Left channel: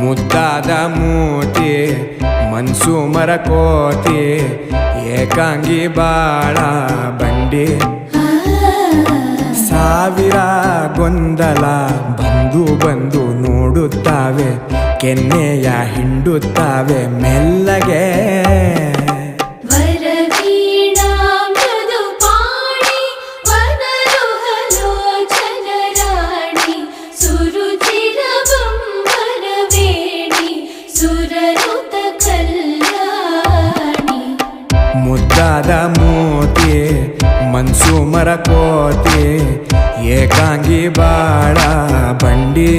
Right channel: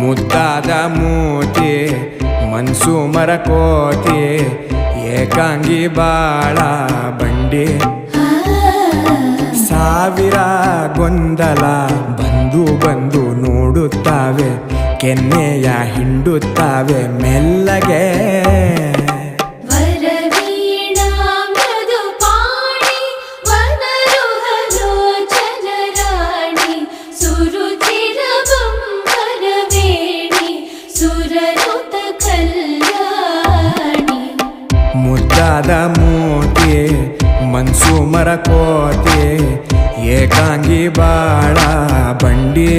ಮುದ್ದಾದ ಮೂತಿ ಮನ್ಸು ಮರಕೋತಿ ಏಕಾಂಗಿ ಬಾಳ ಬಂಡಿ ಸಾವಿರ ಗೊಂದಲ ಬಂದು ಬಂದು ನೋಡುತ್ತಾವೆ ಕೆನ್ನೆಯ ಹಿಂಡುತ್ತಾವೆ ಮೆಲ್ಲಗೆ ಮುದ್ದಾದ ಮೂತಿ ಮನ್ಸು ಮರಕೋತಿ ಏಕಾಂಗಿ ಬಾಳ ಬಂಡಿ